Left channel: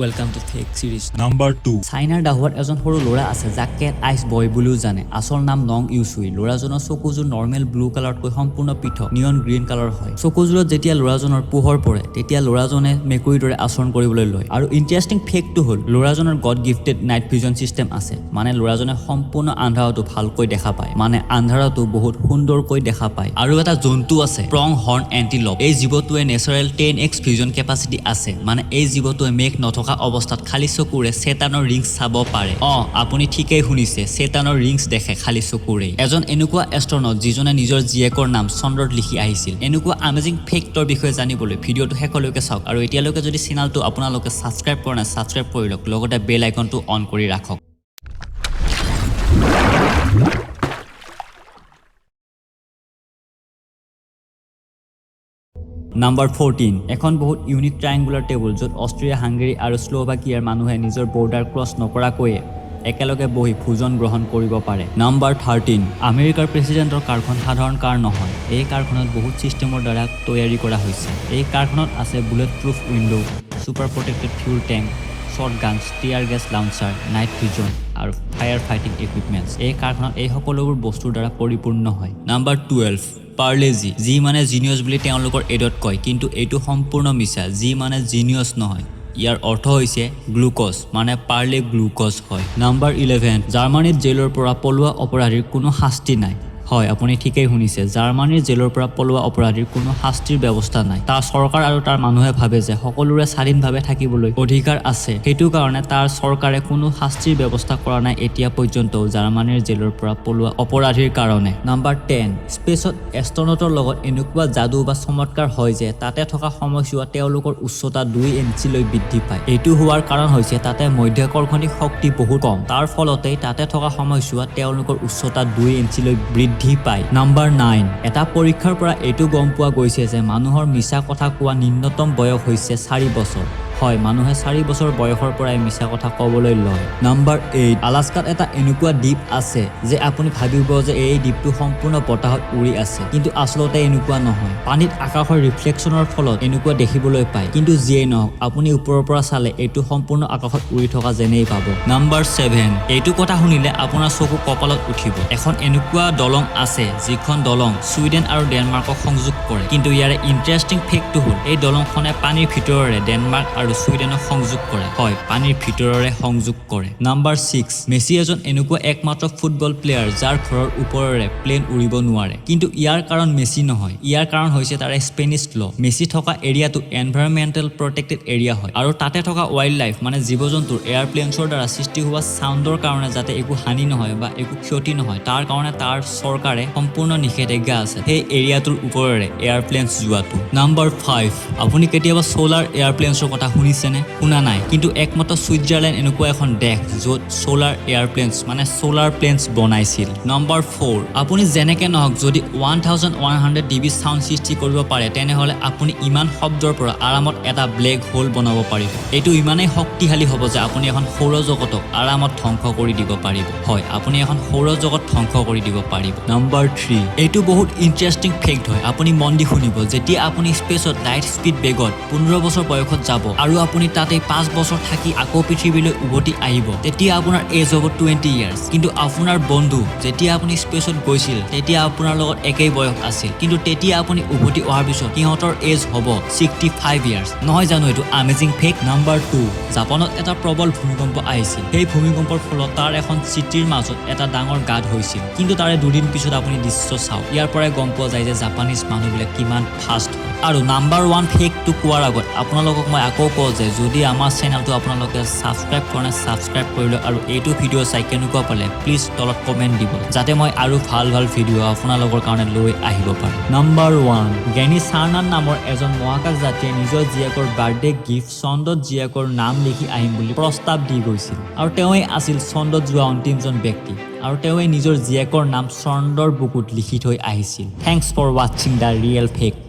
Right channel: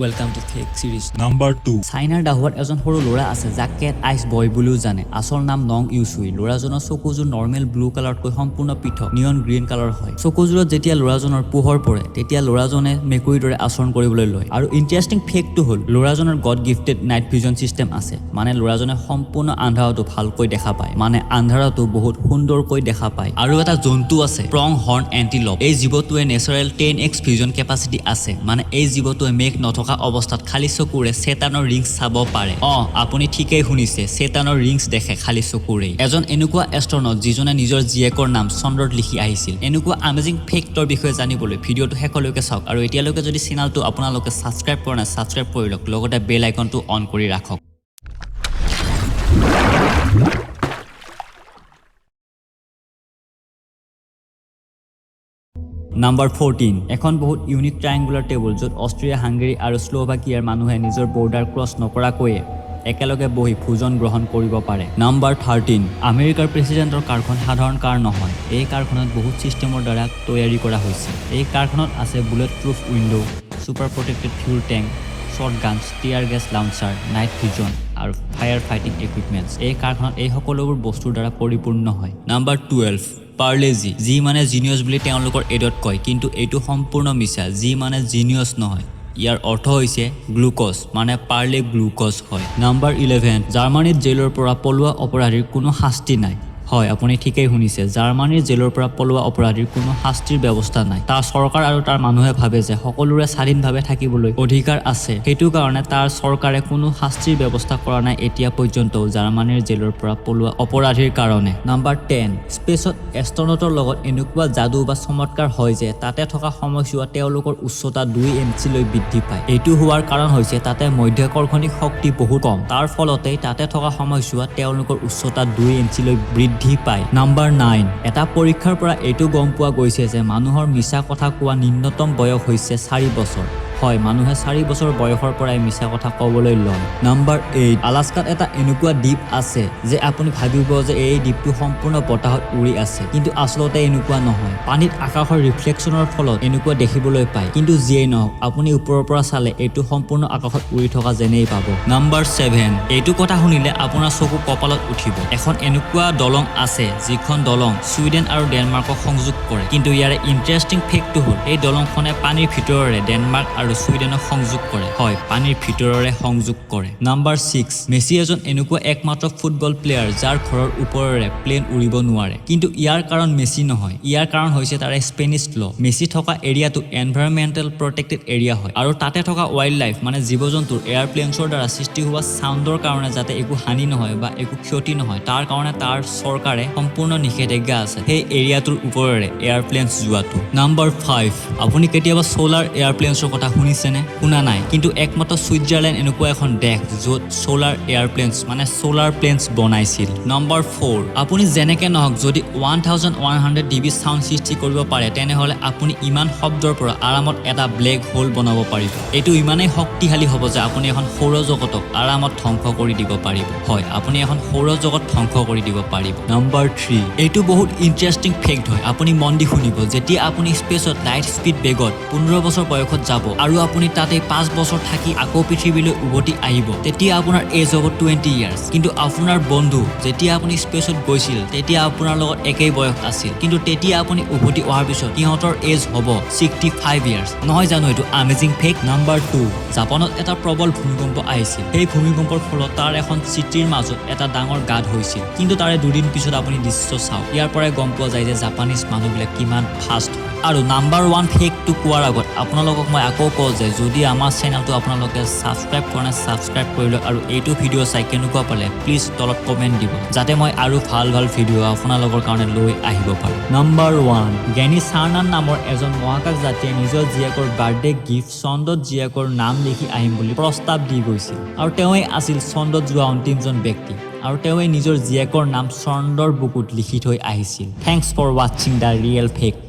welcome to fake series number 2 চাইনাৰ দাহত এজন সৰু ল'ৰা আছে যাক কেট আইচ বয় বুলিও জানে আচল নাম নং ইউচুই ল'ৰাজনৰ চকুযোৰ নৰ্মেল ব্লু কালাৰতকৈ সম্পূৰ্ণ পৃথক নিয়ন গ্ৰীণ কালাৰ হয় চকুযোৰত যেতিয়া ল'ৰাজনৰ পোহৰ পৰে তেতিয়া ল'ৰাজনে মেকুৰীৰ দৰে আচৰণ কৰিবলৈ লয় আৰু ইণ্টাৰেষ্টিং ফেক্টটো হ'ল ল'ৰাজনৰ god gifted night vision system আছে মানে ল'ৰাজনে সম্পূৰ্ণ আন্ধাৰতো ভালকৈ দেখা পায় মানে আন্ধাৰতো বহুত সুন্দৰকৈ দেখা পায় আৰু এটা জন্তু আছে প্ৰং হৰ্ন এন্টিলপ এই জীৱটোৱে নেচাৰেল 10x ভিজন কেপাচিটি আছে মানে এই জীৱটোৱে মেঘ নথকা অৱস্থাত খালি চকুৰে চেটানৰ ৰিংছ চাব পাৰে আপুনি ঠিকই শুনিছে চেটানৰ ৰিংছ দেখে খালি চকুৰে এজন এনেকুৱা এষ্ট্ৰনট যিজনে নিজৰ জীয়েকৰ নাম চন্দ্ৰত লিখি আহিছিল এনেকুৱা আমেজিং ফেক্টৰ বিষয়ে জানিবলৈ ভিডিঅ'টো শেষলৈকে চাওক আৰু এতিয়ালৈকে যদি চেনেলটো আপোনালোকে সাবস্ক্ৰাইব কৰা নাই সাবস্ক্ৰাইব কৰি লওক লগতে বেল আইকনটো অন কৰি ৰাখক Number 14 এখন বহুত ইউনিক ট্ৰায়াঙ্গুলাৰ টেবুল য'ত অষ্ট্ৰিয়া হাংগেৰী আৰু স্লোভাকিয়াৰ মানুহে নিজৰ বৰ্ডাৰ ক্ৰছ নকৰাকৈ একেলগে বহি ভোজন গ্ৰহণ কৰিব পাৰে নাম্বাৰ 13 আমেৰিকাৰ প্ৰেসিডেন্টৰ কাৰখন সাধাৰণ কাৰ নহয় এই কাৰখনত বহুত সিস্টেমৰ দ্বাৰা তৈয়াৰী কৰা হৈছে এই কাৰখনত আছে bullet proof window super protected fuel tank shotgun tear gas launcher night vision আৰু ফায়াৰ ফাইটিং ইকুইপমেন্টছ এই কাৰখনত এই সকলোবোৰ বস্তুৰ দ্বাৰা পৰিপূৰ্ণ হয় নাম্বাৰ 12 পাৰ্লেজি যি মানে জিনিয়াছ বুলি তেওঁলোকৰ এডত কয় কিন্তু এইটো সম্পূৰ্ণ মিছা যি মানে জিনিয়াছ নহয় ইয়াৰ অৰ্থ হৈছে গ্লুকোজ মানে পাৰ্লে গ্লুকোজ হয় নাম্বাৰ 11 জাৰ্মানীত জেলৰ পৰা পলোৱা অপৰাধীৰ কোনো শাস্তি নাই হয় আপুনি ঠিকই শুনিছে জাৰ্মানীৰ জেলৰ পৰা পলোৱা অপৰাধীৰ কোনো শাস্তিৰ ব্যৱস্থা নাই তাৰ চৰকাৰ আৰু তাৰ মানুহে ভাবে যে সকলোৰে স্বাধীনভাৱে থাকিবলৈ অধিকাৰ আছে সেইটো কাৰণে তাৰ চৰকাৰে কোনো শাস্তিৰ ব্যৱস্থা কৰা নাই এতিয়া পৰ্যন্ত জাৰ্মানীৰ জেলৰ পৰা পলোৱা অপৰাধীৰ কাৰণে নাম্বাৰ 10 স্পেচত এষ্ট্ৰনটৰ লগত এনেকুৱা যাদু বা চমৎকাৰ হয় যে তাতে থকা সময়ছোৱা তেওঁলোকৰ উচ্চতা 2 ইঞ্চিলৈ বৃদ্ধি পায় এইটো হোৱাৰ কাৰণ হৈছে তাতে মধ্যাকৰ্ষণিক শক্তি বহুত কম তাৰ ফলতেই তাতে থকা সময়ছোৱা তেওঁলোকৰ উচ্চতা 2 ইঞ্চিলৈ বৃদ্ধি পায় নাম্বাৰ 9 এটা পৰীক্ষাৰ পৰা এইটো গম পোৱা গৈছে যে মানুহৰ মিছা কথা কোৱা নিম্নতম বয়স হৈছে 4 বছৰ হয় মানুহে 4 বছৰ বয়সৰ পৰাই মিছা কথা ক'বলৈ লয় নাম্বাৰ 8 আলাস্কাত এটা এনেকুৱা দ্বীপ আছে যে আপুনি ভাবিব যে এই দ্বীপটো সম্পূৰ্ণ বতাহত উৰি আছে কিন্তু আচলতে এনেকুৱা নহয় পানীত আকাশৰ ৰিফ্লেকশ্যনৰ ফলত এনেকুৱা দেখিবলৈ পায় কিন্তু যিয়েই নহওক আপুনি ওপৰৰ পৰা চালে এইটো সম্পূৰ্ণ আকাশত উৰি থকা যেনেই পাব নাম্বাৰ 7 এইটো কথা শুনিলে আপোনাৰ চকু কপালত উঠিব এখন এনেকুৱা দলং আছে যিখন দলং ছুইডেন আৰু ডেনমাৰ্কক সংযোগ কৰে কিন্তু ইয়াৰে ইন্টাৰেষ্টিং ফেক্টটো হ'ল এই দলংখনে পানীৰ ভিতৰৰে ডেনমাৰ্ক আৰু ছুইডেনক সংযোগ কৰে হয় পানীৰ ভিতৰৰে সংযোগ কৰে নাম্বাৰ 6 মেছি এজন এনেকুৱা একমাত্ৰ ফুটবল প্লেয়াৰ যাৰ ঘৰৰ ওপৰেৰে প্লেন উৰিব নোৱাৰে কিন্তু ইয়াৰ কাৰণ মেছি নহয় ইয়াৰ কাৰণ হৈছে তাৰ স্পেনিছ ল মেছি থকা এৰিয়াটো এনভাইৰনমেন্টাল প্ৰটেক্টেড এৰিয়া হয় আৰু তাতে থকা ৱাইল্ড লাইফ মানে জীৱ-জন্তুৰ এয়াৰপ্লেনছৰ দ্বাৰা সৃষ্টি হোৱা সাউণ্ডৰ কাৰণে যাতে একো হানি নহয় বা একো ক্ষতি নহয় তাৰ কাৰণে তাৰ চৰকাৰে সম্পূৰ্ণ নিষেধাজ্ঞা আছে সেই এৰিয়াটোৰ ওপৰেৰে এয়াৰপ্লেনছ যোৱাটো নাম্বাৰ 5 আপুনি কেতিয়াবা সোলাৰ এয়াৰপ্লেনছৰ কথা শুনিছেনে শুনা নাই কিন্তু একমাত্ৰ সুইজাৰলেণ্ড এনেকুৱা এখন দেশ য'ত সোলাৰ এয়াৰপ্লেনছ মানে সোলাৰ প্লেনছ বনাইছিল নাম্বাৰ 4 আপুনি যেনেকে নহওক যদি 1100 ডিবি সাউণ্ড সৃষ্টি কৰিব পাৰে তেনেহলে আপুনি ইমান শব্দৰ পৰা আৰামত এটা ব্লেক হোল বনাব পাৰিব এইটো ইমানেই শক্তিশালী হ'ব যে আপুনি এখন সৌৰজগতক আৰামত ধ্বংস কৰি দিব পাৰিব হয় আপুনি এখন সৌৰজগত ধ্বংস কৰি দিব পাৰিব নাম্বাৰ 3 এইটো বহুত ইন্টাৰেষ্টিং ফেক্ট হয় আপুনি মন দি শুনিব যেতিয়া আপুনি স্পেচত লাইট স্পীড বেগত 15 বছৰ বয়সত যাব আৰু আপুনি তাতে 5 বছৰ থাকি আকৌ পৃথিৱীলৈ উভতি আহিব তেতিয়া আপোনাৰ এজ হ'ব 20 ইয়াৰ্ছ কিন্তু আপোনাৰ বন্ধু যেতিয়া আপুনি স্পেচত গৈছিল তেতিয়া আপোনাৰ লগত একেই বয়স আছিল কিন্তু তেতিয়া আপুনি উভতি অহাৰ পিছত সিহঁতৰ এজ হ'ব 65 ইয়াৰ্ছ নহয় জানো এইটো আমেজিং ফেক্ট নাম্বাৰ 2 জাপানত এটা প্ৰবল ভূমিকম্প আহিছিল সেই ভূমিকম্পৰ ফলত তাৰ এখন চিটিৰ মাজত এটা ডাঙৰ গাঁত হৈছিল কিন্তু তাৰে দুদিন পিছত আপুনি দৃশ্য চাওক ইয়াৰ পৰাই গম পোৱা যায় যে জাপানিজ মানুহবিলাক কিমান ফাষ্ট আৰু নাম্বাৰ 1 ফেক্টটো কোৱাৰ আগত আপোনালোকক মই আকৌ কওঁ যে যদি আমাৰ চেনেলটো আপোনালোকে সাবস্ক্ৰাইব কৰা নাই সাবস্ক্ৰাইব কৰি লওক আৰু এইটো ভিডিঅ' চাই কেনেকুৱা পালে প্লিজ তলত কমেণ্ট দিব যাতে মই আৰু ভাল ভিডিঅ' আপোনালোকৰ কাৰণে লৈ আহিব পাৰোঁ নাম্বাৰ 1 গেনি চাৰ্নান নামৰ এজন মহাকাশ যাত্ৰীয়ে নিজৰ জীয়েকৰ বাৰ্থডে গিফ্ট চন্দ্ৰত জীয়েকৰ নাম লিখি আহিম বুলি প্ৰস্তাৱ দি গৈছিল আৰু তেওঁই আছিল চন্দ্ৰত যোৱা অন্তিমজন ব্যক্তি আৰু তেওঁই নিজৰ জীয়েকৰ নাম চন্দ্ৰৰ বুকুত লিখি থৈ আহিছিল থ্যাঙ্কস ফৰ ৱাচিং দ্য ৰিয়েল ফেক্ট